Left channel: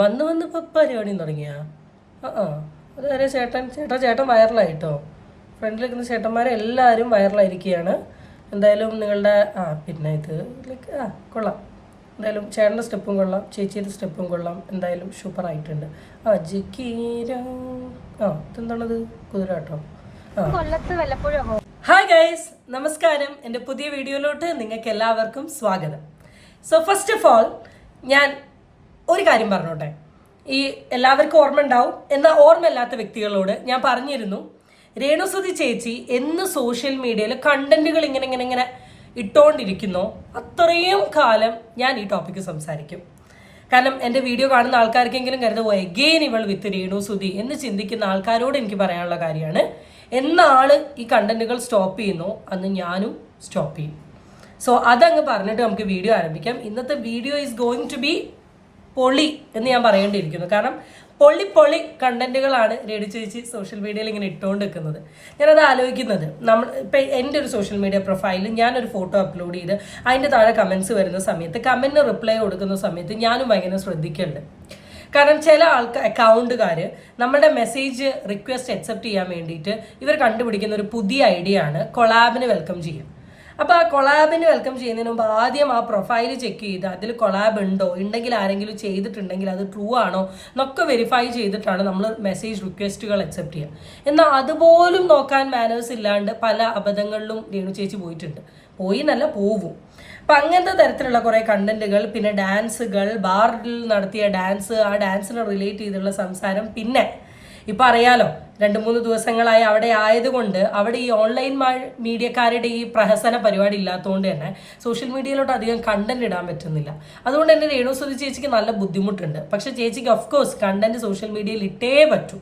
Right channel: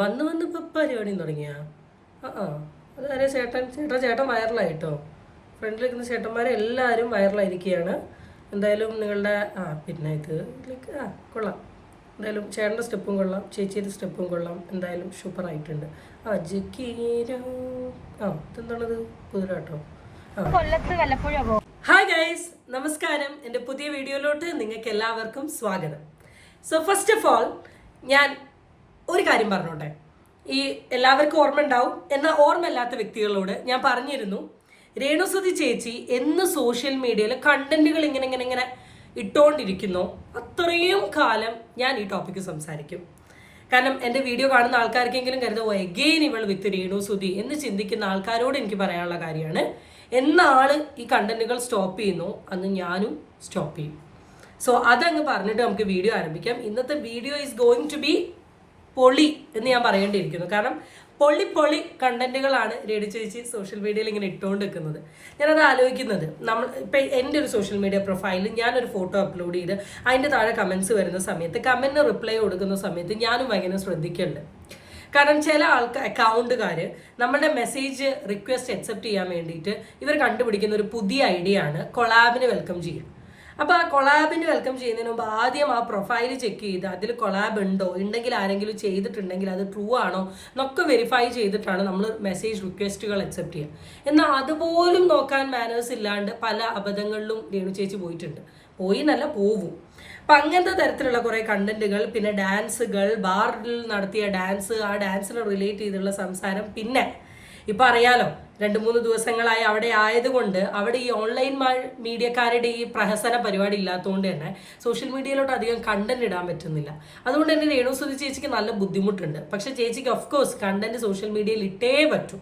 വന്ന് വന്ന് ഇപ്പം പരിപാടിയും തുടങ്ങിയാ അതാരെ ചേട്ടൻ വൈറലായിട്ടോ. ഫ്രണ്ടിൽ നിൽക്കുന്ന ചേട്ടന്മാരെ എല്ലാവരും വൈറലായിരിക്കുകയാണ്. എന്തായാലും നിങ്ങളുടെ പിന്നെ ഇത് കൊള്ളാം. എന്തായാലും ചേട്ടൻ്റെ സ്റ്റെപ്പും കൊള്ളാം, ചേച്ചിയുടെ സ്റ്റെപ്പും കൊള്ളാം. എന്തായാലും സൂപ്പറായിട്ടുണ്ട്. ഇതെന്താണത്? കുതിരാട്ടോ. ഹായ് ഗൈസ്, നമസ്കാരം. എൻ്റെ പുതിയ വീഡിയോയിലോട്ട് നിങ്ങൾക്ക് എല്ലാവർക്കും സ്വാഗതം. സോ ഫസ്റ്റ് ഓഫ് ഓൾ ഞാൻ ഒരു കാര്യം പറഞ്ഞോട്ടെ. ഈ എല്ലാവർക്കും ഓർമ്മ ഉണ്ടാവും, എന്നാൽ ഓർമ്മയില്ലാത്ത വ്യക്തികളോട് ഞാൻ പറഞ്ഞിരുന്നു, രേണുസുതി ചേച്ചി എന്ന് സോഷ്യൽ മീഡിയയിൽ കണ്ടന്റുകൾ ഇങ്ങനെ ഇട്ടുകൊണ്ടിരിക്കുന്നോ അത്രയും കാലം ഞാൻ ഈ ടോപ്പിക്ക് സംസാരിക്കും. കാരണം എൻ്റെ വീഡിയോ കാണുന്ന ആൾക്കാർക്കെങ്കിലും കരുതുമോ എഗെയിൻ ഇവൾ വിത്ത് രേണുസുതി എന്ന് ചിന്തിക്കുന്ന ആൾക്കാരോട് എനിക്ക് പറയാനുള്ള കാര്യമാണ്, എന്നാൾ ഈ കണ്ടന്റുകൾ സ്റ്റോപ്പ് ചെയ്യുന്നോ അന്ന് ഞാനും സ്റ്റോപ്പ് ചെയ്യും. സോ അതങ്ങ് പറഞ്ഞിട്ട് നമുക്ക് വീഡിയോ ആരംഭിക്കാം. ഇന്നത്തെ video is going to be പൊളി എന്ന് ഞാൻ പറയേണ്ടിയിരിക്കുന്നു. കാരണം പൊളി കണ്ടന്റുകളാണ് രേണു ചേച്ചി സോഷ്യൽ മീഡിയയിൽ ഇങ്ങനെ ഇട്ടുകൊണ്ട് നിൽക്കുന്നത്. ഞാനത് ആലോചിക്കുന്നത്, ഇപ്പം എൻ്റെ ഒരു സോഷ്യൽ മീഡിയ പ്രൊഫൈലിൽ ഞാനൊരു ഫോട്ടോ അപ്ലോഡ് ചെയ്ത് അതിൻ്റെ താഴെ കമൻസ് വരുന്ന സമയത്ത്, കമൻറ്റിന് റിപ്ലൈ കൊടുക്കുന്ന സമയത്ത് ഞാനും ഭയങ്കര ശ്രദ്ധിക്കുന്നുണ്ട്. കാരണം ചില അക്കൗണ്ടുകാർ നമ്മുടെ മെസ്സേജ് റിക്വസ്റ്റ് അക്സെപ്റ്റ് ചെയ്യാൻ വേണ്ടിയിട്ട് ഇവർ കണ്ടുപിടിക്കുന്ന ഒരു പുതിയ ഐഡിയ ആണ് കൊളാബിന് വെൽക്കം ചെയ്യുക. അപ്പോൾ ആ കൊളാബിന് വെൽക്കം ചെയ്യുന്നതിന് മുമ്പ് ആദ്യം ആ പ്രൊഫൈൽ ചെക്ക് ചെയ്ത് അതിൽ കൊളാബ് ഉണ്ടോ, ഉണ്ടെങ്കിൽ ആരെങ്കിലും ചെയ്തിട്ടുണ്ടെങ്കിൽ അത് ട്രൂ ആണോ എന്നൊക്കെ വെരിഫൈ ചെയ്തിട്ടാണ് നമ്മൾ മെസ്സേജ് റിക്വസ്റ്റുകൾ അക്സെപ്റ്റ് ചെയ്യുക. എന്നാൽ അതുപോലും നോക്കാൻ മാനേഴ്സ് ഇല്ലാണ്ട് പല അബദ്ധങ്ങളിലും രേണു ചേച്ചി പോയി എന്നല്ല പോവും. അപ്പം അങ്ങനത്തെ തരത്തിലുള്ള കുറേ കണ്ടന്റുകൾ, പിന്നെ ഡാൻസുകൾ, ബാറിൽ നടത്തിയ ഡാൻസ്, ആ ഡാൻസിനെ റിലേറ്റ് ചെയ്തുള്ള സംസാരം, പിന്നെ ഇപ്പം അറിയാലോ 2-3 ദിവസങ്ങളായി അവിടെ ആയതുകൊണ്ട് അവിടെ ഈ ഓൺലൈൻ മീഡിയക്കാരുടെ ഈ പ്രഹസന പരിപാടി ഇല്ലാത്തതുകൊണ്ട് തന്നെ സോഷ്യൽ മീഡിയയിലോട്ട് അധികം കണ്ടന്റ് ഇടാൻ പറ്റുന്നില്ല. അതുകൊണ്ട് തന്നെ രേണുസുതി ചേച്ചിക്ക് നല്ല ബുദ്ധിമുട്ടുണ്ട്. പക്ഷെ ചേച്ചിക്ക് ഓഫ്കോഴ്സ് കണ്ടന്റ് സോഷ്യൽ മീഡിയയിൽ ഇട്ടേ പറ്റൂ.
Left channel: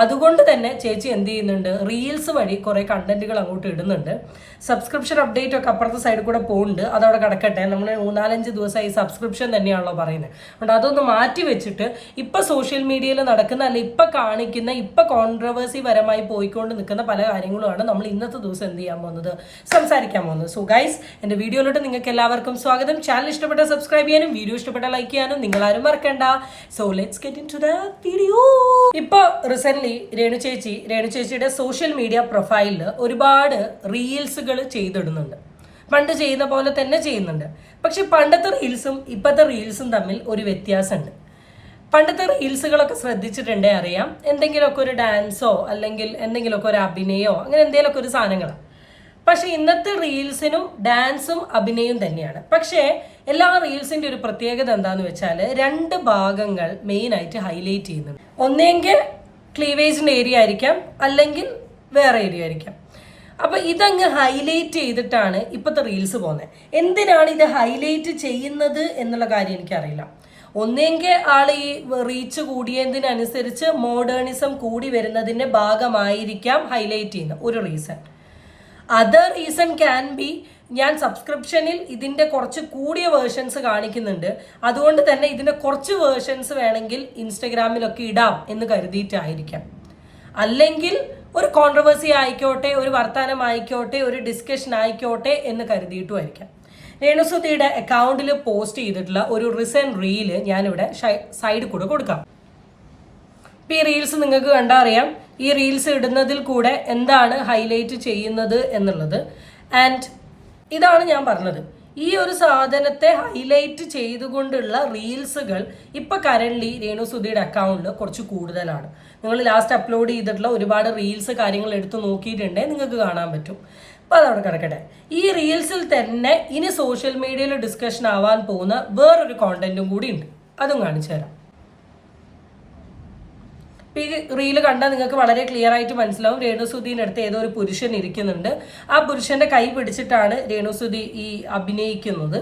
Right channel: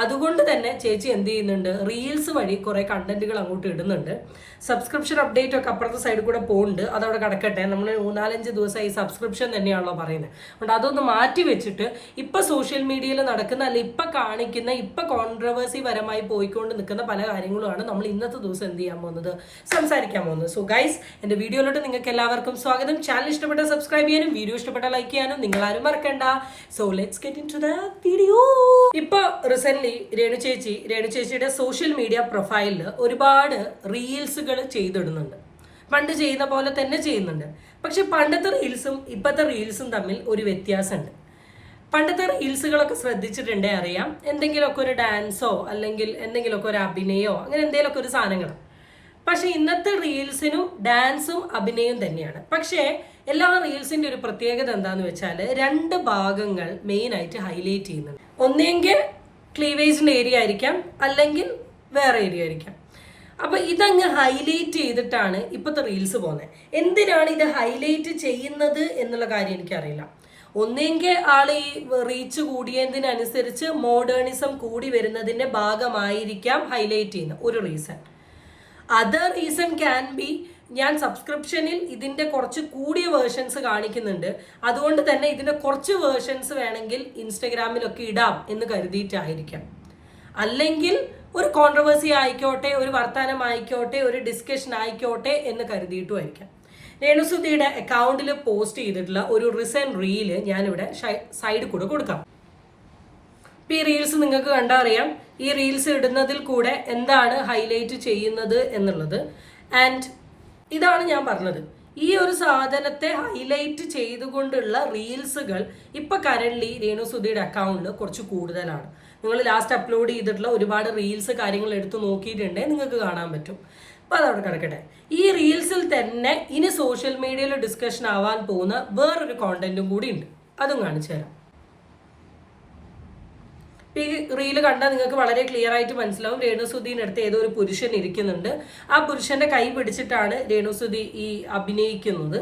അതുകൊണ്ട് തന്നെ ചേച്ചി എന്ത് ചെയ്യുന്നുണ്ട്, റീൽസ് വഴി കുറേ കണ്ടന്റുകൾ അങ്ങോട്ട് ഇടുന്നുണ്ട്. സബ്സ്ക്രിപ്ഷൻ അപ്ഡേറ്റ് ഒക്കെ അപ്പുറത്തെ സൈഡിൽ കൂടെ പോകുന്നുണ്ട്, അതവിടെ കിടക്കട്ടെ. നമ്മൾ 4-5 ദിവസമായി സബ്സ്ക്രിപ്ഷൻ തന്നെയാണല്ലോ പറയുന്നത്. അതുകൊണ്ട് അതൊന്ന് മാറ്റി വെച്ചിട്ട് ഇപ്പം സോഷ്യൽ മീഡിയയിൽ നടക്കുന്ന, അല്ലെ ഇപ്പം കാണിക്കുന്ന, ഇപ്പം കോൺട്രവേഴ്സി പരമായി പോയിക്കൊണ്ട് നിൽക്കുന്ന പല കാര്യങ്ങളുമാണ് നമ്മൾ ഇന്നത്തെ ദിവസം എന്ത് ചെയ്യാൻ പോകുന്നത്, സംസാരിക്കാൻ പോകുന്നത്. സോ ഗൈസ്, എൻ്റെ വീഡിയോയിലോട്ട് നിങ്ങൾക്ക് എല്ലാവർക്കും സ്വാഗതം. ചാനൽ ഇഷ്ടപ്പെട്ട സബ്സ്ക്രൈബ് ചെയ്യാനും വീഡിയോ ഇഷ്ടപ്പെട്ട ലൈക്ക് ചെയ്യാനും നിങ്ങളാരും മറക്കണ്ട. So let's get into the video. ഇപ്പോൾ രേണു ചേച്ചിയുടെ സോഷ്യൽ മീഡിയ പ്രൊഫൈലിൽ ഒരുപാട് റീൽസുകൾ ചെയ്തിടുന്നുണ്ട്. പണ്ട് ചെയ്യുന്ന പോലെ തന്നെ ചെയ്യുന്നുണ്ട്. പക്ഷെ പണ്ടത്തെ റീൽസും ഇപ്പോഴത്തെ റീൽസും തമ്മിൽ ഒരു വ്യത്യാസമുണ്ട്. പണ്ടത്തെ റീൽസുകളൊക്കെ ശ്രദ്ധിച്ചിട്ടുണ്ടേ അറിയാം, എന്തെങ്കിലുമൊക്കെ ഒരു ഡാൻസോ അല്ലെങ്കിൽ എന്തെങ്കിലുമൊക്കെ ഒരു അഭിനയോ അങ്ങനെ എന്തെങ്കിലുമൊക്കെ ഒരു സാധനങ്ങളാണ്. പക്ഷെ ഇന്നത്തെ റീൽസിനും ഡാൻസും അഭിനയവും തന്നെയാണ്. പക്ഷേ എല്ലാ റീൽസിൻ്റെ ഒരു പ്രത്യേകത എന്താണെന്ന് വെച്ചാൽ 2 ഭാഗങ്ങൾ മെയിനായിട്ട് ഹൈലൈറ്റ് ചെയ്യുന്നുണ്ട്. ഒന്നെങ്കിൽ ക്ലീവേജിൻ്റെ ഏരിയ ആയിരിക്കാം, അല്ലെങ്കിൽ വേറെ ഏരിയ ആയിരിക്കാം. അപ്പം ഇതങ്ങ് ഹൈലൈറ്റ് ചെയ്തിട്ടാണ് ഇപ്പോഴത്തെ റീൽസ് പോകുന്നത്. എന്തിനാണ് ഇത് ഹൈലൈറ്റ് ചെയ്യുന്നത് എന്നുള്ള കാര്യം എനിക്കറിയില്ല. ഒന്നെങ്കിൽ ആൾ ഈ റീച്ച് കൂടിയതിനനുസരിച്ച് മോഡേണിസം കൂടി വരുന്നതിൻ്റെ ഭാഗമായിരിക്കാം ഹൈലൈറ്റ് ചെയ്യുന്ന ഒരു reason. Other reason can be, ഞാൻ സബ്സ്ക്രിപ്ഷനിൽ ഇതിൻ്റെ കുറച്ച് കൂടിയ വേർഷൻസ് കാണിക്കുന്നുണ്ട്, അതുകൊണ്ട് തന്നെ ഇതിൻ്റെ കുറച്ച് വേർഷൻസ് വേണമെങ്കിൽ ഇൻസ്റ്റഗ്രാമിലൊക്കെ ഇടാം എന്ന് കരുതിയിട്ടായിരിക്കാം. അല്ലെങ്കിൽ ഒരു കോൺട്രവേഴ്സി ആയിക്കോട്ടെ, ഒരു വർത്തമാനം ആയിക്കോട്ടെ, ഒരു ഡിസ്കഷൻ ആയിക്കോട്ടെ എന്ന് കരുതിയിട്ടുമായിരിക്കാം. രേണുസുതിയുടെ അക്കൗണ്ടിൽ പോസ്റ്റ് ചെയ്തിട്ടുള്ള ഒരു റീസെന്റ് റീല് ഞാനിവിടെ സൈഡിൽ കൂടെ കൊടുക്കാം. ഇപ്പം ഈ റീൽസ് നിങ്ങൾക്ക് കണ്ടാൽ അറിയാം, ഈ റീൽസ് ഇടുന്നതിൽ കൂടെ എന്താണ് ഹൈലൈറ്റ് ചെയ്യുന്നത് എന്നുള്ളത്. ആൻഡ് ഇതാണ് ഞാൻ പറഞ്ഞത്, ഈ ഒരു സാധനത്തെ ഹൈലൈറ്റ് ചെയ്തുകൊണ്ടുള്ള റീൽസുകൾ ഇപ്പം കറൻ്റ്ലി രേണുസുതിയുടെ അക്കൗണ്ടിൽ കുറച്ച് കൂടുതലാണ്. നിങ്ങൾ ലാസ്റ്റ് അപ്ലോഡ് ചെയ്തിട്ടുള്ള ഒരുപാട് റീൽസ് കാര്യങ്ങൾ എടുത്ത് നോക്കിയിട്ടുണ്ടെങ്കിൽ നിങ്ങൾക്ക് കാണാൻ പറ്റും. അപ്പോൾ അതവിടെ കിടക്കട്ടെ. ഈ റീൽസിൽ തന്നെ ഇനി സോഷ്യൽ മീഡിയയിൽ ഡിസ്കഷൻ ആവാൻ പോകുന്ന വേറൊരു കോണ്ടന്റും കൂടി ഉണ്ട്, അതും കാണിച്ചു തരാം. ഈ റീല് കണ്ടാൽ നിങ്ങൾക്ക് വളരെ ക്ലിയർ ആയിട്ട് മനസ്സിലാവും, രേണുസുതിൻ്റെ അടുത്ത് ഏതോ ഒരു പുരുഷൻ ഇരിക്കുന്നുണ്ട്. ആ പുരുഷന്റെ കൈ പിടിച്ചിട്ടാണ് രേണുസുതി ഈ അഭിനയിക്കുന്നത്.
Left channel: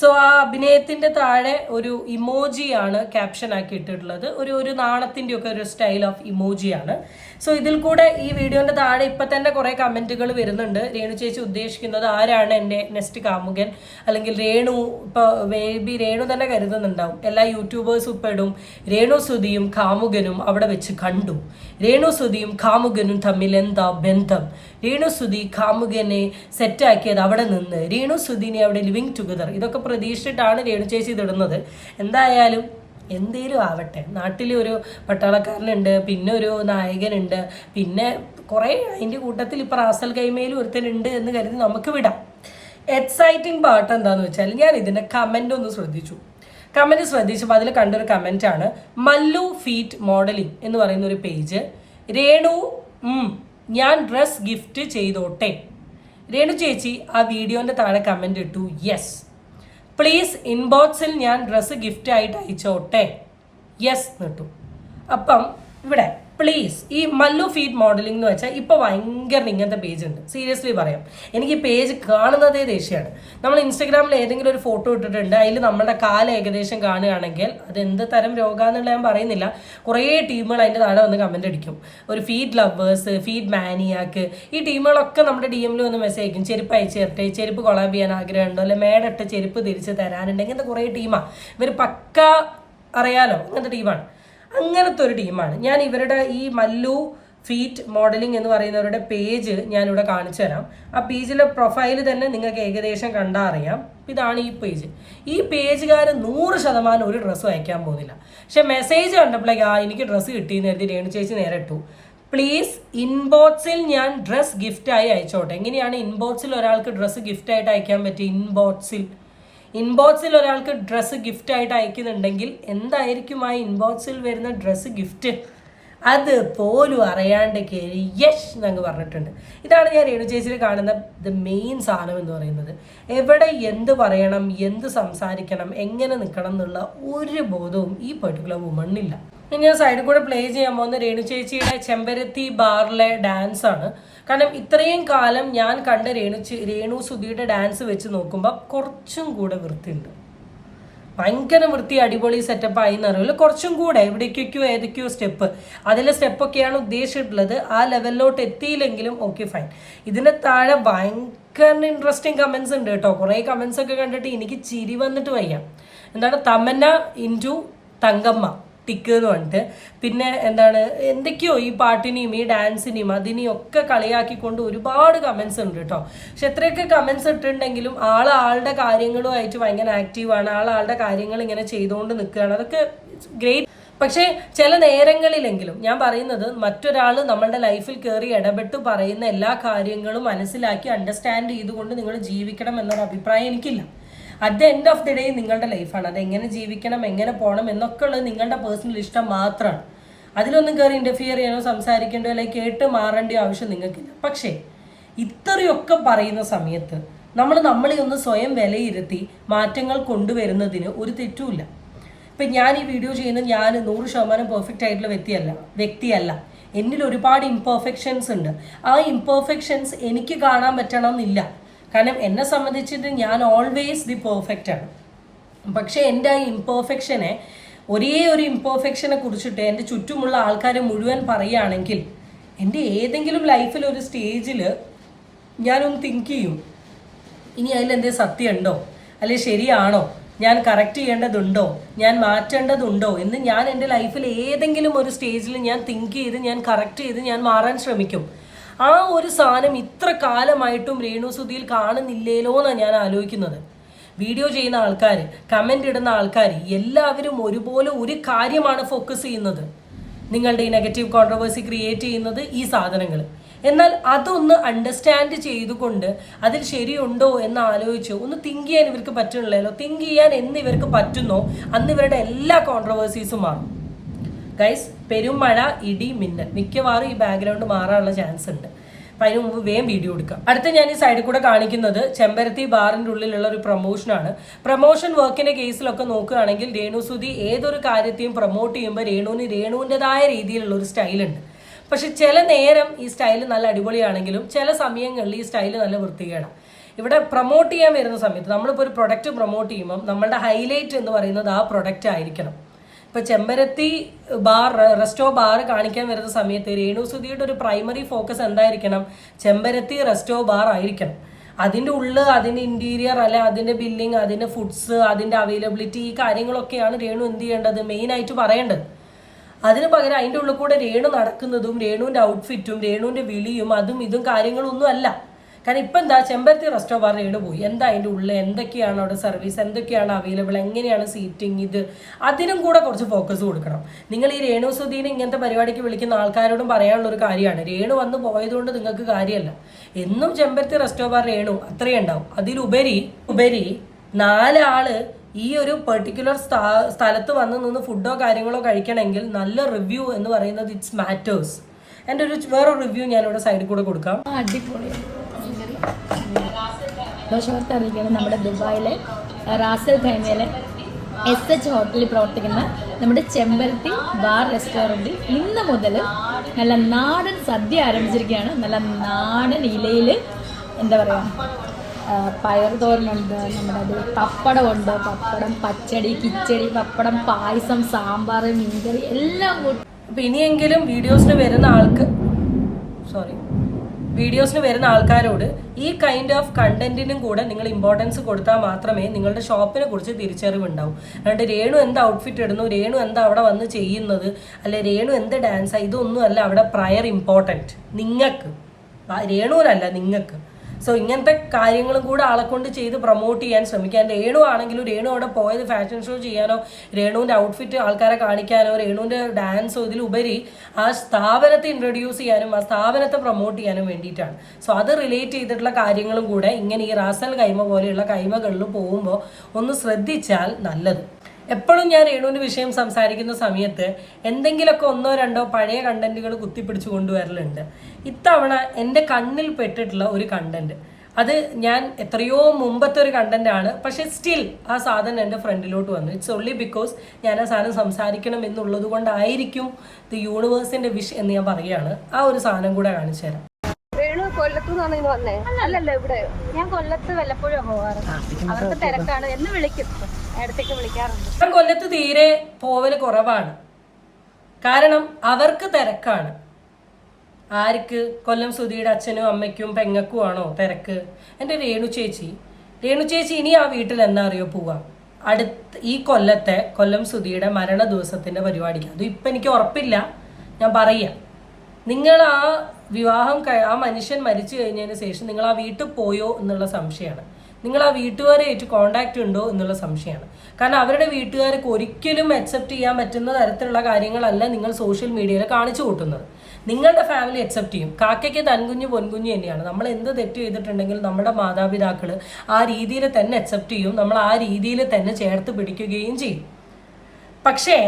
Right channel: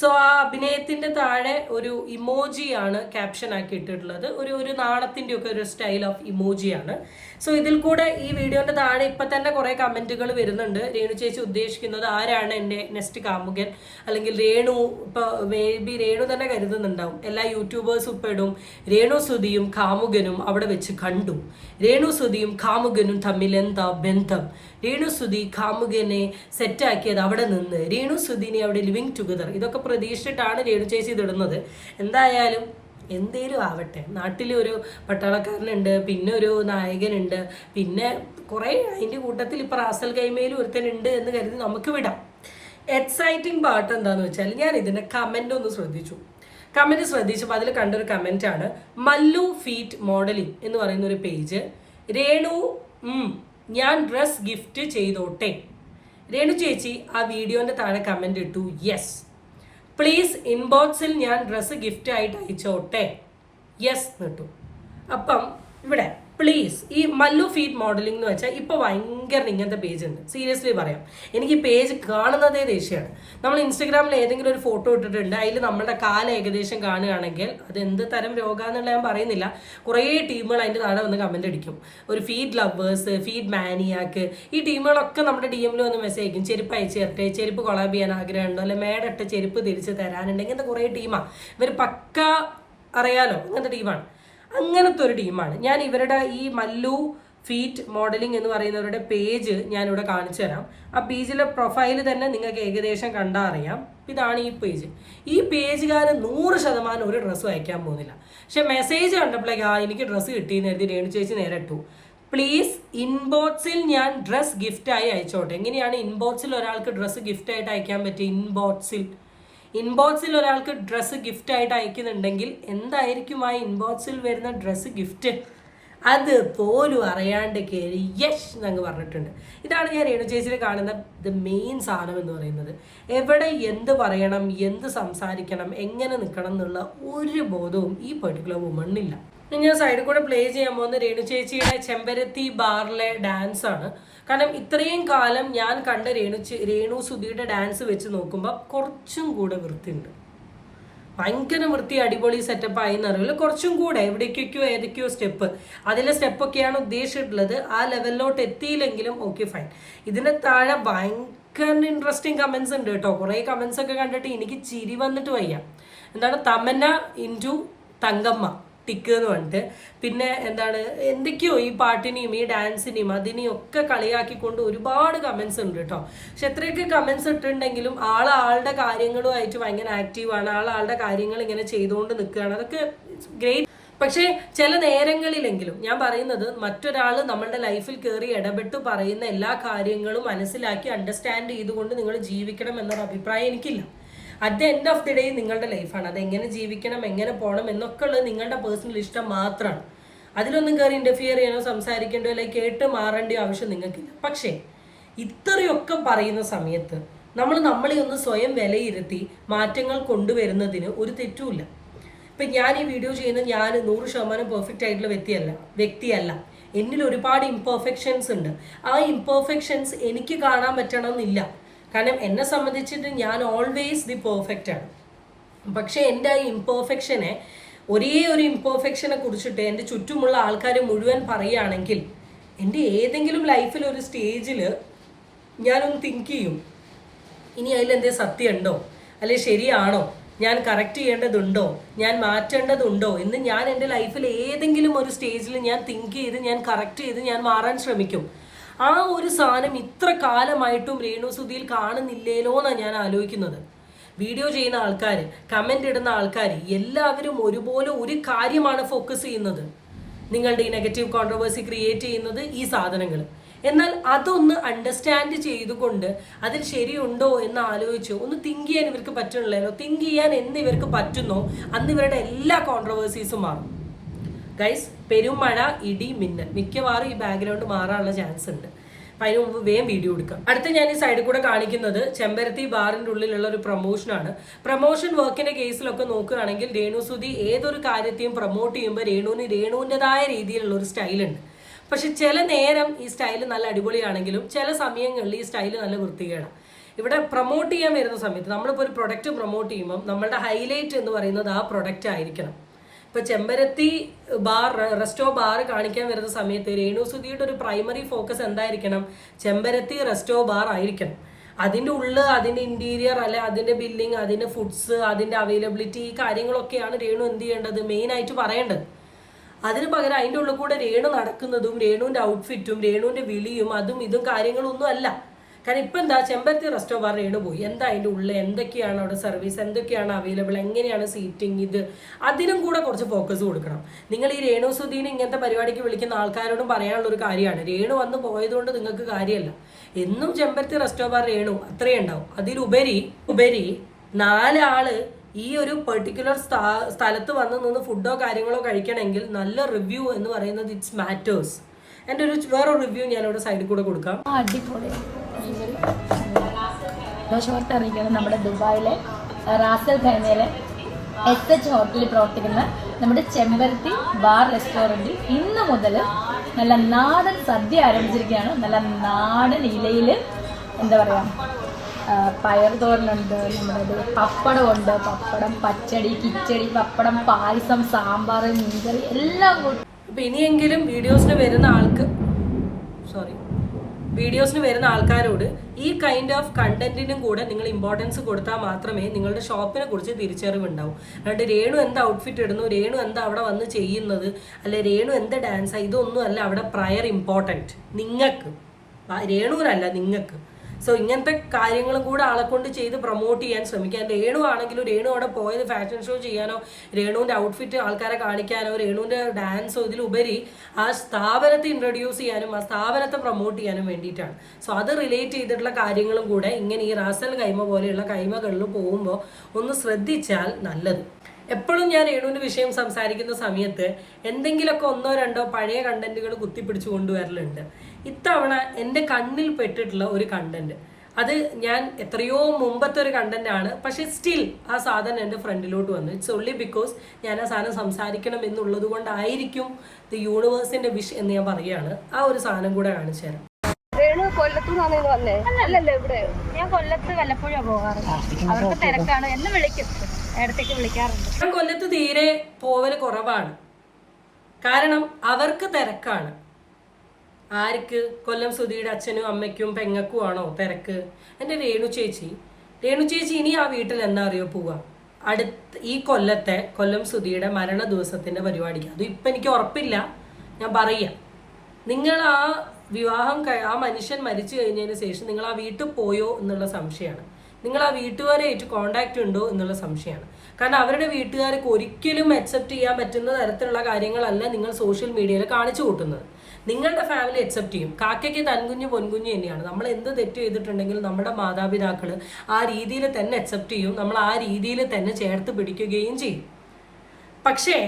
സോ ആ അഭിനയത്തിന്റെ താഴെ ഒരു ഇമോജിയാണ് ക്യാപ്ഷൻ ആക്കി ഇട്ടിട്ടുള്ളത്, ഒരു നാണത്തിൻ്റെ ഒക്കെ ഒരു സ്റ്റൈൽ ഓഫ് ഇമോജിയാണ്. സോ ഇതിൽ കൂടെ ഈ വീഡിയോന്റെ താഴെ ഇപ്പം തന്നെ കുറേ കമന്റുകൾ വരുന്നുണ്ട്. രേണു ചേച്ചി ഉദ്ദേശിക്കുന്നത് ആരാണ് എൻ്റെ നെക്സ്റ്റ് കാമുകൻ, അല്ലെങ്കിൽ രേണു, ഇപ്പോൾ മേ ബി രേണു തന്നെ കരുതുന്നുണ്ടാവും, എല്ലാ യൂട്യൂബേഴ്സും ഇപ്പം രേണുസുതിയും കാമുകനും അവിടെ വെച്ച് കണ്ടു, രേണുസുതിയും കാമുകനും തമ്മിൽ എന്താ ബന്ധം, രേണുസുതി കാമുകനെ സെറ്റാക്കിയത് അവിടെ നിന്ന്, രേണുസുതിനെ അവിടെ ലിവിങ് ടുഗദർ, ഇതൊക്കെ പ്രതീക്ഷിച്ചിട്ടാണ് രേണു ചേച്ചി ഇതിടുന്നത്. എന്തായാലും എന്തേലും ആവട്ടെ, നാട്ടിൽ ഒരു പട്ടാളക്കാരനുണ്ട്, പിന്നെ ഒരു നായകനുണ്ട്, പിന്നെ കുറേ അതിൻ്റെ കൂട്ടത്തിൽ ഇപ്പോൾ റാസൽ കൈമയിലും ഒരുത്തനുണ്ട് എന്ന് കരുതി നമുക്ക് വിടാം. എക്സൈറ്റിംഗ് പാർട്ട് എന്താണെന്ന് വെച്ചാൽ ഞാൻ ഇതിൻ്റെ കമൻ്റ് ഒന്ന് ശ്രദ്ധിച്ചു. കമൻറ്റ് ശ്രദ്ധിച്ചപ്പോൾ അതിൽ കണ്ടൊരു കമൻറ്റാണ് മല്ലു ഫീറ്റ് മോഡലിംഗ് എന്ന് പറയുന്ന ഒരു പേജ്. രേണു ഞാൻ ഡ്രസ് ഗിഫ്റ്റ് ചെയ്തോട്ടെ. രേണു ചേച്ചി ആ വീഡിയോൻ്റെ താഴെ കമൻ്റ് ഇട്ടു, യെസ് പ്ലീസ് ഇൻബോക്സിൽ ഞാൻ ഡ്രസ്സ് ഗിഫ്റ്റ് ആയിട്ട് അയച്ചോട്ടെ, യെസ് എന്നിട്ടു. അപ്പം ഇവിടെ പ്ലീസ് ഈ മല്ലു ഫീഡ് മോഡലിംഗ് എന്ന് വെച്ചാൽ ഇപ്പോൾ ഭയങ്കര ഇങ്ങനത്തെ പേജ് ഉണ്ട്. സീരിയസ്ലി പറയാം, എനിക്ക് ഈ പേജ് കാണുന്നതേ ദേഷ്യമാണ്. നമ്മൾ ഇൻസ്റ്റഗ്രാമിൽ ഏതെങ്കിലും ഒരു ഫോട്ടോ ഇട്ടിട്ടുണ്ട്, അതിൽ നമ്മുടെ കാലം ഏകദേശം കാണുകയാണെങ്കിൽ അത് എന്ത് തരം രോഗാന്നുള്ള ഞാൻ പറയുന്നില്ല, കുറേ ടീമുകൾ അതിൻ്റെ താഴെ വന്ന് കമൻ്റ് അടിക്കും. ഒരു ഫീഡ് ലവേഴ്സ്, ഫീഡ് മാനിയാക്ക്, ഈ ടീമുകളൊക്കെ നമ്മുടെ ഡി എമ്മിൽ വന്ന് മെസ്സേജ് അയക്കും, ചെരുപ്പ് അയച്ചു തരട്ടെ, ചെരുപ്പ് കൊളാബ് ചെയ്യാൻ ആഗ്രഹമുണ്ടോ, അല്ലെ മേടിട്ട ചെരുപ്പ് തിരിച്ച് തരാനുണ്ട്, ഇങ്ങനത്തെ കുറേ ടീമാണ്. ഇവർ പക്ക അറിയാലോ ഇങ്ങനത്തെ ടീമാണ്, അങ്ങനത്തെ ഒരു ടീമാണ്. ഞാൻ ഇവരുടെ ഈ മല്ലു ഫീറ്റ് മോഡലിംഗ് എന്ന് പറയുന്നവരുടെ പേജ് ഞാനിവിടെ കാണിച്ചു തരാം. ആ പേജിലെ പ്രൊഫൈൽ തന്നെ നിങ്ങൾക്ക് ഏകദേശം കണ്ടാൽ അറിയാം. ഇതാണ് ഈ പേജ്. ഈ പേജുകാരൻ 100% ഒരു ഡ്രസ്സും അയക്കാൻ പോകുന്നില്ല. പക്ഷെ മെസ്സേജ് കണ്ടപ്പോഴേക്ക് എനിക്ക് ഡ്രസ്സ് കിട്ടിയെന്ന് കരുതി രേണു ചേച്ചി നേരെ ഇട്ടു, പ്ലീസ് ഇൻബോക്സിൽ ഞാൻ ഡ്രസ്സ് ഗിഫ്റ്റായി അയച്ചോട്ടെ. എങ്ങനെയാണ് ഇൻബോക്സിൽ ഒരാൾക്ക് ഡ്രസ്സ് ഗിഫ്റ്റായിട്ട് അയക്കാൻ പറ്റുക? ഇൻബോക്സിൽ ഒരാൾക്ക് ഡ്രസ്സ് ഗിഫ്റ്റ് ആയിട്ട് അയക്കുന്നുണ്ടെങ്കിൽ എന്തായിരിക്കും ആ ഇൻബോക്സിൽ വരുന്ന ഡ്രസ്സ് ഗിഫ്റ്റ്? അത് പോലും അറിയാണ്ട് കയറി യഷ് എന്നങ്ങ് പറഞ്ഞിട്ടുണ്ട്. ഇതാണ് ഞാൻ രേണു ചേച്ചിയിൽ കാണുന്ന ദ മെയിൻ സാധനം എന്ന് പറയുന്നത്. എവിടെ എന്ത് പറയണം, എന്ത് സംസാരിക്കണം, എങ്ങനെ നിൽക്കണം എന്നുള്ള ഒരു ബോധവും ഈ പെർട്ടിക്കുലർ വുമണിനില്ല. ഞാൻ സൈഡിൽ കൂടെ പ്ലേ ചെയ്യാൻ പോകുന്ന രേണു ചേച്ചിയുടെ ചെമ്പരത്തി ബാറിലെ ഡാൻസ് ആണ്. കാരണം ഇത്രയും കാലം ഞാൻ കണ്ട രേണു സുധിയുടെ ഡാൻസ് വെച്ച് നോക്കുമ്പോൾ കുറച്ചും കൂടെ വൃത്തിയുണ്ട്. ഭയങ്കര വൃത്തി, അടിപൊളി സെറ്റപ്പ് ആയി എന്നറിയില്ല, കുറച്ചും കൂടെ എവിടേക്കൊക്കെയോ ഏതൊക്കെയോ സ്റ്റെപ്പ്, അതിലെ സ്റ്റെപ്പൊക്കെയാണ് ഉദ്ദേശിച്ചിട്ടുള്ളത്. ആ ലെവലിലോട്ട് എത്തിയില്ലെങ്കിലും ഓക്കെ ഫൈൻ. ഇതിന് താഴെ ഭയങ്കര ഇൻട്രസ്റ്റിംഗ് കമൻസ് ഉണ്ട് കേട്ടോ. കുറേ കമൻസ് ഒക്കെ കണ്ടിട്ട് എനിക്ക് ചിരി വന്നിട്ട് വയ്യ. എന്താണ് തമന്ന ഇൻറ്റു തങ്കമ്മ ടിക്ക് എന്ന് പറഞ്ഞിട്ട്, പിന്നെ എന്താണ് എന്തൊക്കെയോ ഈ പാട്ടിനെയും ഈ ഡാൻസിനെയും അതിനെയും ഒക്കെ കളിയാക്കിക്കൊണ്ട് ഒരുപാട് കമൻസ് ഉണ്ട് കേട്ടോ. പക്ഷെ എത്രയൊക്കെ കമൻസ് ഇട്ടിട്ടുണ്ടെങ്കിലും ആളുടെ കാര്യങ്ങളുമായിട്ട് ഭയങ്കര ആക്റ്റീവാണ്, ആളുടെ കാര്യങ്ങൾ ഇങ്ങനെ ചെയ്തുകൊണ്ട് നിൽക്കുകയാണ്, അതൊക്കെ ഗ്രേറ്റ്. പക്ഷേ ചില നേരങ്ങളിലെങ്കിലും ഞാൻ പറയുന്നത്, മറ്റൊരാൾ നമ്മളുടെ ലൈഫിൽ കയറി ഇടപെട്ട് പറയുന്ന എല്ലാ കാര്യങ്ങളും മനസ്സിലാക്കി അണ്ടർസ്റ്റാൻഡ് ചെയ്തുകൊണ്ട് നിങ്ങൾ ജീവിക്കണം എന്നൊരു അഭിപ്രായം എനിക്കില്ല. At the end of the day നിങ്ങളുടെ ലൈഫാണ്, അത് എങ്ങനെ ജീവിക്കണം, എങ്ങനെ പോകണം എന്നൊക്കെ ഉള്ളത് നിങ്ങളുടെ പേഴ്സണൽ ഇഷ്ടം മാത്രമാണ്. അതിലൊന്നും കയറി ഇൻ്റർഫിയർ ചെയ്യാനോ സംസാരിക്കേണ്ടോ അല്ലെങ്കിൽ കേട്ട് മാറേണ്ട ആവശ്യം നിങ്ങൾക്കില്ല. പക്ഷേ ഇത്രയൊക്കെ പറയുന്ന സമയത്ത് നമ്മളെ ഒന്ന് സ്വയം വിലയിരുത്തി മാറ്റങ്ങൾ കൊണ്ടുവരുന്നതിന് ഒരു തെറ്റുമില്ല. ഇപ്പം ഞാൻ ഈ വീഡിയോ ചെയ്യുന്നത് ഞാൻ 100% പെർഫെക്റ്റ് ആയിട്ടുള്ള വ്യക്തിയല്ല. എന്നിൽ ഒരുപാട് ഇംപെർഫെക്ഷൻസ് ഉണ്ട്. ആ ഇംപെർഫെക്ഷൻസ് എനിക്ക് കാണാൻ പറ്റണം എന്നില്ല. കാരണം എന്നെ സംബന്ധിച്ചിട്ട് ഞാൻ ഓൾവേസ് ദി പെർഫെക്റ്റ് ആണ്. പക്ഷേ എൻ്റെ ആ ഇംപെർഫെക്ഷനെ, ഒരേ ഒരു ഇംപെർഫെക്ഷനെ കുറിച്ചിട്ട് എൻ്റെ ചുറ്റുമുള്ള ആൾക്കാർ മുഴുവൻ പറയുകയാണെങ്കിൽ എൻ്റെ ഏതെങ്കിലും ലൈഫിൽ ഒരു സ്റ്റേജിൽ ഞാനൊന്ന് തിങ്ക് ചെയ്യും, ഇനി അതിലെന്തേ സത്യമുണ്ടോ, അല്ലെങ്കിൽ ശരിയാണോ, ഞാൻ കറക്റ്റ് ചെയ്യേണ്ടതുണ്ടോ, ഞാൻ മാറ്റേണ്ടതുണ്ടോ എന്ന് ഞാൻ എൻ്റെ ലൈഫിൽ ഏതെങ്കിലും ഒരു സ്റ്റേജിൽ ഞാൻ തിങ്ക് ചെയ്ത് ഞാൻ കറക്റ്റ് ചെയ്ത് ഞാൻ മാറാൻ ശ്രമിക്കും. ആ ഒരു സാധനം ഇത്ര കാലമായിട്ടും രേണു സുധിയിൽ കാണുന്നില്ലേലോ എന്നാണ് ഞാൻ ആലോചിക്കുന്നത്. വീഡിയോ ചെയ്യുന്ന ആൾക്കാർ, കമൻ്റ് ഇടുന്ന ആൾക്കാർ എല്ലാവരും ഒരുപോലെ ഒരു കാര്യമാണ് ഫോക്കസ് ചെയ്യുന്നത്, നിങ്ങളുടെ ഈ നെഗറ്റീവ് കോൺട്രവേഴ്സി ക്രിയേറ്റ് ചെയ്യുന്നത് ഈ സാധനങ്ങൾ. എന്നാൽ അതൊന്ന് അണ്ടർസ്റ്റാൻഡ് ചെയ്തുകൊണ്ട് അതിൽ ശരിയുണ്ടോ എന്ന് ആലോചിച്ച് ഒന്ന് തിങ്ക് ചെയ്യാൻ ഇവർക്ക് പറ്റുന്നില്ലല്ലോ. തിങ്ക് ചെയ്യാൻ എന്ന് ഇവർക്ക് പറ്റുന്നോ അന്ന് ഇവരുടെ എല്ലാ കോൺട്രവേഴ്സീസും മാറും. ഗൈസ്, പെരുമഴ, ഇടി, മിന്നൽ, മിക്കവാറും ഈ ബാക്ക്ഗ്രൗണ്ട് മാറാനുള്ള ചാൻസ് ഉണ്ട്. അപ്പം അതിന് മുമ്പ് വേഗം വീഡിയോ എടുക്കാം. അടുത്ത ഞാൻ ഈ സൈഡിൽ കൂടെ കാണിക്കുന്നത് ചെമ്പരത്തി ബാറിൻ്റെ ഉള്ളിലുള്ള ഒരു പ്രൊമോഷനാണ്. പ്രൊമോഷൻ വർക്കിൻ്റെ കേസിലൊക്കെ നോക്കുകയാണെങ്കിൽ രേണു സുധി ഏതൊരു കാര്യത്തെയും പ്രൊമോട്ട് ചെയ്യുമ്പോൾ രേണുവിൻ്റെതായ രീതിയിലുള്ള ഒരു സ്റ്റൈലുണ്ട്. പക്ഷെ ചില നേരം ഈ സ്റ്റൈൽ നല്ല അടിപൊളിയാണെങ്കിലും ചില സമയങ്ങളിൽ ഈ സ്റ്റൈൽ നല്ല വൃത്തികേടാണ്. ഇവിടെ പ്രൊമോട്ട് ചെയ്യാൻ വരുന്ന സമയത്ത് നമ്മളിപ്പോൾ ഒരു പ്രൊഡക്റ്റ് പ്രൊമോട്ട് ചെയ്യുമ്പം നമ്മളുടെ ഹൈലൈറ്റ് എന്ന് പറയുന്നത് ആ പ്രൊഡക്റ്റ് ആയിരിക്കണം. ഇപ്പോൾ ചെമ്പരത്തി റെസ്റ്റോ ബാർ കാണിക്കാൻ വരുന്ന സമയത്ത് രേണു സുധിയുടെ ഒരു പ്രൈമറി ഫോക്കസ് എന്തായിരിക്കണം? ചെമ്പരത്തി റെസ്റ്റോ ബാർ ആയിരിക്കണം. അതിൻ്റെ ഉള്ളിൽ അതിൻ്റെ ഇൻറ്റീരിയർ, അല്ലെ അതിൻ്റെ ബില്ലിങ്, അതിൻ്റെ ഫുഡ്സ്, അതിൻ്റെ അവൈലബിലിറ്റി, ഈ കാര്യങ്ങളൊക്കെയാണ് രേണു എന്ത് ചെയ്യേണ്ടത്, മെയിനായിട്ട് പറയേണ്ടത്. അതിന് പകരം അതിൻ്റെ ഉള്ളിൽ കൂടെ രേണു നടക്കുന്നതും രേണുവിൻ്റെ ഔട്ട്ഫിറ്റും രേണുവിൻ്റെ വിളിയും അതും ഇതും കാര്യങ്ങളൊന്നും അല്ല. കാരണം ഇപ്പം എന്താ ചെമ്പരത്തി റെസ്റ്റോ ബാർ രേണു പോയി, എന്താ അതിൻ്റെ ഉള്ളിൽ എന്തൊക്കെയാണ് അവിടെ സർവീസ്, എന്തൊക്കെയാണ് അവൈലബിൾ, എങ്ങനെയാണ് സീറ്റിംഗ്, ഇത് അതിനും കൂടെ കുറച്ച് ഫോക്കസ് കൊടുക്കണം. നിങ്ങൾ ഈ രേണു സുധീനെ ഇങ്ങനത്തെ പരിപാടിക്ക് വിളിക്കുന്ന ആൾക്കാരോടും പറയാനുള്ള ഒരു കാര്യമാണ്, രേണു വന്ന് പോയതുകൊണ്ട് നിങ്ങൾക്ക് കാര്യമല്ല. എന്നും ചെമ്പരത്തി റെസ്റ്റോ ബാർ രേണു അത്രയേ ഉണ്ടാവും. അതിലുപരി 4 ഈ ഒരു പെർട്ടിക്കുലർ സ്ഥലത്ത് വന്ന് നിന്ന് ഫുഡോ കാര്യങ്ങളോ കഴിക്കണമെങ്കിൽ നല്ല റിവ്യൂ എന്ന് പറയുന്നത് ഇറ്റ്സ് മാറ്റേഴ്സ്. എൻ്റെ വേറൊരു റിവ്യൂ ഞാനിവിടെ സൈഡിൽ കൂടെ കൊടുക്കാം. അറിയില്ല, നമ്മുടെ ദുബായിലെ റാസൽ ഖൈമയിലെ SH ഹോട്ടലിൽ പ്രവർത്തിക്കുന്ന നമ്മുടെ ചെമ്പരത്തി ബാർ റെസ്റ്റോറൻറ്റിൽ ഇന്ന് മുതൽ നല്ല നാടൻ സദ്യ ആരംഭിച്ചിരിക്കുകയാണ്. നല്ല നാടൻ ഇലയിൽ എന്താ പറയുക, പയർ തോരനുണ്ട്, നമ്മുടെ പപ്പടമുണ്ട്, പപ്പടം, പച്ചടി, കിച്ചടി, പപ്പടം, പായസം, സാമ്പാർ, മീൻകറി എല്ലാം കൂടി. അപ്പം ഇനിയെങ്കിലും വീഡിയോസിന് വരുന്ന ആൾക്കാരോട് ഈ കൈൻഡ് ഓഫ് കണ്ടന്റിനും കൂടെ നിങ്ങൾ ഇമ്പോർട്ടൻസ് കൊടുത്താൽ മാത്രമേ നിങ്ങളുടെ ഷോപ്പിനെ കുറിച്ച് തിരിച്ചറിവുണ്ടാവും. അതുകൊണ്ട് രേണു എന്ത് ഔട്ട്ഫിറ്റ് ഇടുന്നു, രേണു എന്താ അവിടെ വന്ന് ചെയ്യുന്നത്, അല്ലെ രേണു എന്ത് ഡാൻസാണ്, ഇതൊന്നും അല്ല അവിടെ പ്രയർ ഇമ്പോർട്ടൻറ്റ്. നിങ്ങൾക്ക്, രേണുവിനല്ല, നിങ്ങൾക്ക്. സോ ഇങ്ങനത്തെ കാര്യങ്ങളും കൂടെ ആളെ കൊണ്ട് ചെയ്ത് പ്രൊമോട്ട് ചെയ്യാൻ ശ്രമിക്കാൻ. രേണു ആണെങ്കിലും രേണു അവിടെ പോയത് ഫാഷൻ ഷോ ചെയ്യാനോ രേണുവിൻ്റെ ഔട്ട്ഫിറ്റ് ആൾക്കാരെ കാണിക്കാനോ രേണുവിൻ്റെ ഡാൻസോ ഇതിലുപരി ആ സ്ഥാപനത്തെ ഇൻട്രൊഡ്യൂസ് ചെയ്യാനും ആ സ്ഥാപനത്തെ പ്രൊമോട്ട് ചെയ്യാനും വേണ്ടിയിട്ടാണ്. സോ അത് റിലേറ്റ് ചെയ്തിട്ടുള്ള കാര്യങ്ങളും കൂടെ ഇങ്ങനെ ഈ റാസൽ കൈമ പോലെയുള്ള കൈമകളിൽ പോകുമ്പോൾ ഒന്ന് ശ്രദ്ധിച്ചാൽ നല്ലത്. എപ്പോഴും ഞാൻ രേണുവിൻ്റെ വിഷയം സംസാരിക്കുന്ന സമയത്ത് എന്തെങ്കിലുമൊക്കെ 1-2 പഴയ കണ്ടന്റുകൾ കുത്തിപ്പിടിച്ചു കൊണ്ടുവരലുണ്ട്. ഇത്തവണ എൻ്റെ കണ്ണിൽ പെട്ടിട്ടുള്ള ഒരു കണ്ടന്റ്, അത് ഞാൻ എത്രയോ മുമ്പത്തെ ഒരു കണ്ടന്റാണ്, പക്ഷേ സ്റ്റിൽ ആ സാധനം എൻ്റെ ഫ്രണ്ടിലോട്ട് വന്നു. ഇറ്റ്സ് ഓൺലി ബിക്കോസ് ഞാൻ ആ സാധനം സംസാരിക്കണം എന്നുള്ളത് കൊണ്ടായിരിക്കും ദി യൂണിവേഴ്സിൻ്റെ വിഷ് എന്ന് ഞാൻ പറയുകയാണ്. ആ ഒരു സാധനം കൂടെ കാണിച്ചു തരാം. ഞാൻ കൊല്ലത്ത് വല്ലപ്പോഴും പോകാറ്, അവർക്ക് തിരക്കാണ്, എന്നെ വിളിക്കും, ഇടത്തേക്ക് വിളിക്കാറുണ്ട്. ഞാൻ കൊല്ലത്ത് തീരെ പോവല് കുറവാണ്, കാരണം അവർക്ക് തിരക്കാണ്. ആർക്ക്? കൊല്ലം സുധിയുടെ അച്ഛനും അമ്മയ്ക്കും പെങ്ങൾക്കും ആണോ തിരക്ക്? എൻ്റെ രേണു ചേച്ചി ഇനി ആ വീട്ടിൽ എന്നാ അറിയോ പോവാ? ഈ കൊല്ലം സുധിയുടെ മരണ ദിവസത്തിന്റെ പരിപാടിക്ക്. അത് ഇപ്പം എനിക്ക് ഉറപ്പില്ല, ഞാൻ പറയാം. നിങ്ങൾ ആ വിവാഹം ആ മനുഷ്യൻ മരിച്ചു കഴിഞ്ഞതിന് ശേഷം നിങ്ങൾ ആ വീട്ടിൽ പോയോ എന്നുള്ള സംശയമാണ്. നിങ്ങൾ ആ വീട്ടുകാരായിട്ട് കോണ്ടാക്ട് ഉണ്ടോ എന്നുള്ള സംശയമാണ്. കാരണം അവരുടെ വീട്ടുകാർക്ക് ഒരിക്കലും അക്സെപ്റ്റ് ചെയ്യാൻ പറ്റുന്ന തരത്തിലുള്ള കാര്യങ്ങളല്ല നിങ്ങൾ സോഷ്യൽ മീഡിയയിൽ കാണിച്ചു കൂട്ടുന്നത്. നിങ്ങളുടെ ഫാമിലി അക്സെപ്റ്റ് ചെയ്യും. കാക്കയ്ക്ക് തൻകുഞ്ഞ് പൊൻകുഞ്ഞ് തന്നെയാണ്. നമ്മൾ എന്ത് തെറ്റ് ചെയ്തിട്ടുണ്ടെങ്കിൽ നമ്മുടെ മാതാപിതാക്കൾ ആ രീതിയിൽ തന്നെ അക്സെപ്റ്റ് ചെയ്യും, നമ്മൾ ആ രീതിയിൽ തന്നെ ചേർത്ത് പിടിക്കുകയും ചെയ്യും. പക്ഷേ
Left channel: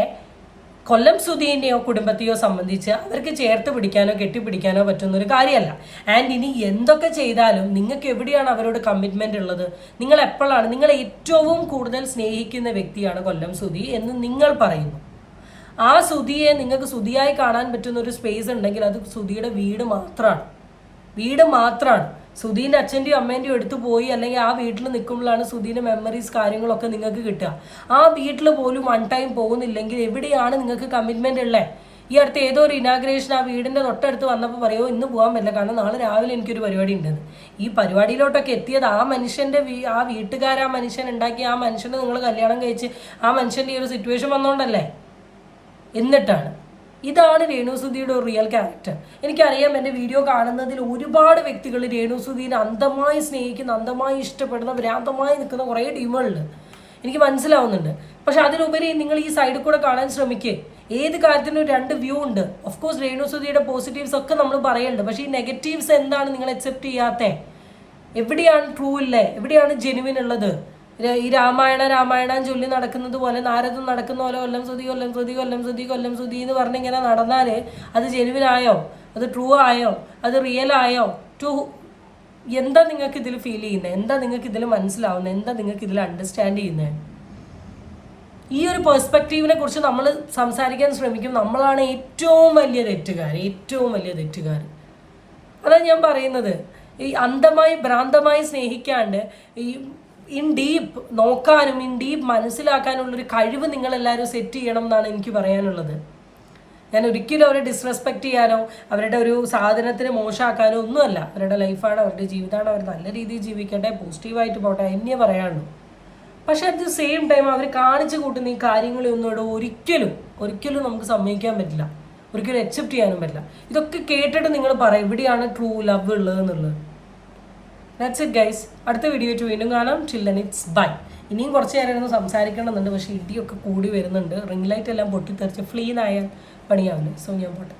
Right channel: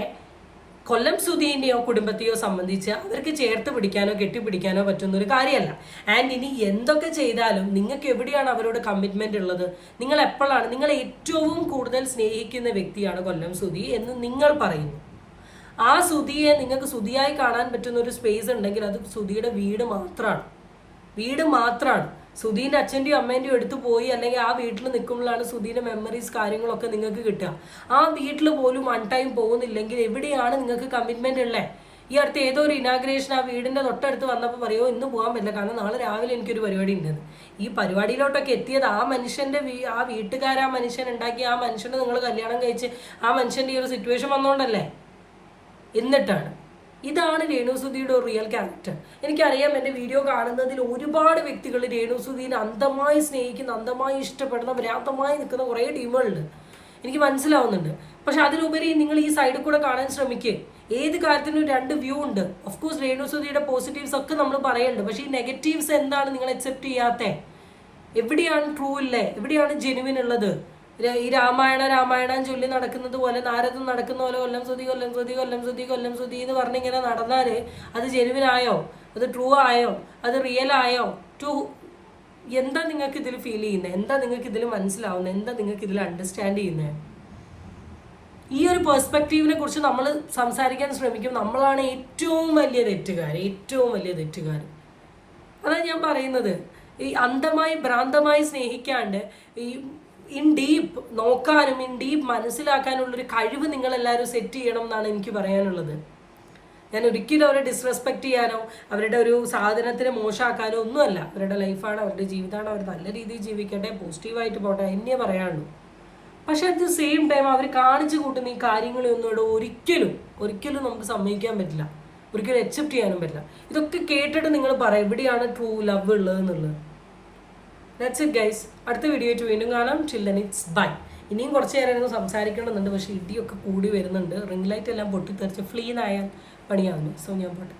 കൊല്ലം സുധീനെയോ കുടുംബത്തെയോ സംബന്ധിച്ച് അവർക്ക് ചേർത്ത് പിടിക്കാനോ കെട്ടിപ്പിടിക്കാനോ പറ്റുന്ന ഒരു കാര്യമല്ല. ആൻഡ് ഇനി എന്തൊക്കെ ചെയ്താലും നിങ്ങൾക്ക് എവിടെയാണ് അവരോട് കമ്മിറ്റ്മെന്റ് ഉള്ളത്? നിങ്ങൾ എപ്പോഴാണ്, നിങ്ങൾ ഏറ്റവും കൂടുതൽ സ്നേഹിക്കുന്ന വ്യക്തിയാണ് കൊല്ലം സുധി എന്ന് നിങ്ങൾ പറയുന്നു. ആ സുധിയെ നിങ്ങൾക്ക് സുധിയായി കാണാൻ പറ്റുന്ന ഒരു സ്പേസ് ഉണ്ടെങ്കിൽ അത് സുധിയുടെ വീട് മാത്രമാണ്. സുധീൻ്റെ അച്ഛൻ്റെയും അമ്മേൻ്റെയും എടുത്തു പോയി അല്ലെങ്കിൽ ആ വീട്ടിൽ നിൽക്കുമ്പോഴാണ് സുധീൻ്റെ മെമ്മറീസ് കാര്യങ്ങളൊക്കെ നിങ്ങൾക്ക് കിട്ടുക. ആ വീട്ടിൽ പോലും വൺ ടൈം പോകുന്നില്ലെങ്കിൽ എവിടെയാണ് നിങ്ങൾക്ക് കമ്മിറ്റ്മെൻ്റ് ഉള്ളത്? ഈ അടുത്ത് ഏതോ ഒരു ഇനാഗ്രേഷൻ ആ വീടിൻ്റെ തൊട്ടടുത്ത് വന്നപ്പോൾ പറയുമോ ഇന്ന് പോകാൻ പറ്റില്ല, കാരണം നാളെ രാവിലെ എനിക്കൊരു പരിപാടി ഉണ്ടെന്ന്. ഈ പരിപാടിയിലോട്ടൊക്കെ എത്തിയത് ആ മനുഷ്യൻ്റെ ആ വീട്ടുകാർ ആ മനുഷ്യൻ ഉണ്ടാക്കി ആ മനുഷ്യനെ നിങ്ങൾ കല്യാണം കഴിച്ച് ആ മനുഷ്യൻ്റെ ഈ ഒരു സിറ്റുവേഷൻ വന്നുകൊണ്ടല്ലേ. എന്നിട്ടാണ് ഇതാണ് രേണുസുധിയുടെ ഒരു റിയൽ ക്യാരക്ടർ. എനിക്കറിയാം എൻ്റെ വീഡിയോ കാണുന്നതിൽ ഒരുപാട് വ്യക്തികൾ രേണുസുധീനെ അന്ധമായി സ്നേഹിക്കുന്ന, അന്ധമായി ഇഷ്ടപ്പെടുന്ന, ഭ്രാന്തമായി നിൽക്കുന്ന കുറേ ടീമുകളുണ്ട്, എനിക്ക് മനസ്സിലാവുന്നുണ്ട്. പക്ഷെ അതിലുപരി നിങ്ങൾ ഈ സൈഡിൽ കൂടെ കാണാൻ ശ്രമിക്കുക. ഏത് കാര്യത്തിനും 2 വ്യൂ ഉണ്ട്. ഓഫ് കോഴ്സ് രേണുസുധിയുടെ പോസിറ്റീവ്സ് ഒക്കെ നമ്മൾ പറയുന്നുണ്ട്, പക്ഷേ ഈ നെഗറ്റീവ്സ് എന്താണ് നിങ്ങൾ അക്സെപ്റ്റ് ചെയ്യാത്തത്? എവിടെയാണ് ട്രൂ ഇല്ലേ? എവിടെയാണ് ജെനുവിൻ ഉള്ളത്? ഈ രാമായണം ചൊല്ലി നടക്കുന്നത് പോലെ, നാരദം നടക്കുന്ന പോലെ കൊല്ലം സുധി എന്ന് പറഞ്ഞിങ്ങനെ നടന്നാൽ അത് ജെനുവിനായോ? അത് ട്രൂ ആയോ? അത് റിയൽ ആയോ? എന്താ നിങ്ങൾക്ക് ഇതിൽ ഫീൽ ചെയ്യുന്നത്? എന്താ നിങ്ങൾക്ക് ഇതിൽ മനസ്സിലാവുന്നത്? എന്താ നിങ്ങൾക്ക് ഇതിൽ അണ്ടർസ്റ്റാൻഡ് ചെയ്യുന്നത്? ഈ ഒരു പെർസ്പെക്റ്റീവിനെ കുറിച്ച് നമ്മൾ സംസാരിക്കാൻ ശ്രമിക്കും. നമ്മളാണ് ഏറ്റവും വലിയ തെറ്റുകാർ. അതാണ് ഞാൻ പറയുന്നത്. ഈ അന്ധമായി ഭ്രാന്തമായി സ്നേഹിക്കാണ്ട് ഈ ഇൻ ഡീപ്പ് നോക്കാനും ഇൻ ഡീപ്പ് മനസ്സിലാക്കാനുള്ളൊരു കഴിവ് നിങ്ങളെല്ലാവരും സെറ്റ് ചെയ്യണം എന്നാണ് എനിക്ക് പറയാനുള്ളത്. ഞാൻ ഒരിക്കലും അവരെ ഡിസ്റെസ്പെക്റ്റ് ചെയ്യാനോ അവരുടെ ഒരു സാധനത്തിന് മോശമാക്കാനോ ഒന്നുമല്ല. അവരുടെ ലൈഫാണ്, അവരുടെ ജീവിതമാണ്, അവർ നല്ല രീതിയിൽ ജീവിക്കട്ടെ, പോസിറ്റീവായിട്ട് പോട്ടെ എന്നേ പറയാനുള്ളൂ. പക്ഷെ അറ്റ് ദ സെയിം ടൈം അവർ കാണിച്ചു കൂട്ടുന്ന ഈ കാര്യങ്ങളൊന്നും ഒരിക്കലും നമുക്ക് സമ്മതിക്കാൻ പറ്റില്ല, ഒരിക്കലും അക്സെപ്റ്റ് ചെയ്യാനും പറ്റില്ല. ഇതൊക്കെ കേട്ടിട്ട് നിങ്ങൾ പറയും എവിടെയാണ് ട്രൂ ലവ് ഉള്ളത് എന്നുള്ളത്. That's it guys. അടുത്ത വീഡിയോ ആയിട്ട് വീണ്ടും കാണാം. Children it's bye. ഇനിയും കുറച്ച് നേരം സംസാരിക്കണമെന്നുണ്ട്, പക്ഷേ ഇടിയൊക്കെ കൂടി വരുന്നുണ്ട്. റിംഗ് ലൈറ്റ് എല്ലാം പൊട്ടിത്തെറിച്ച് ഫ്ലീനായാൽ പണിയാവില്ല. സോ ഞാൻ പോട്ടെ.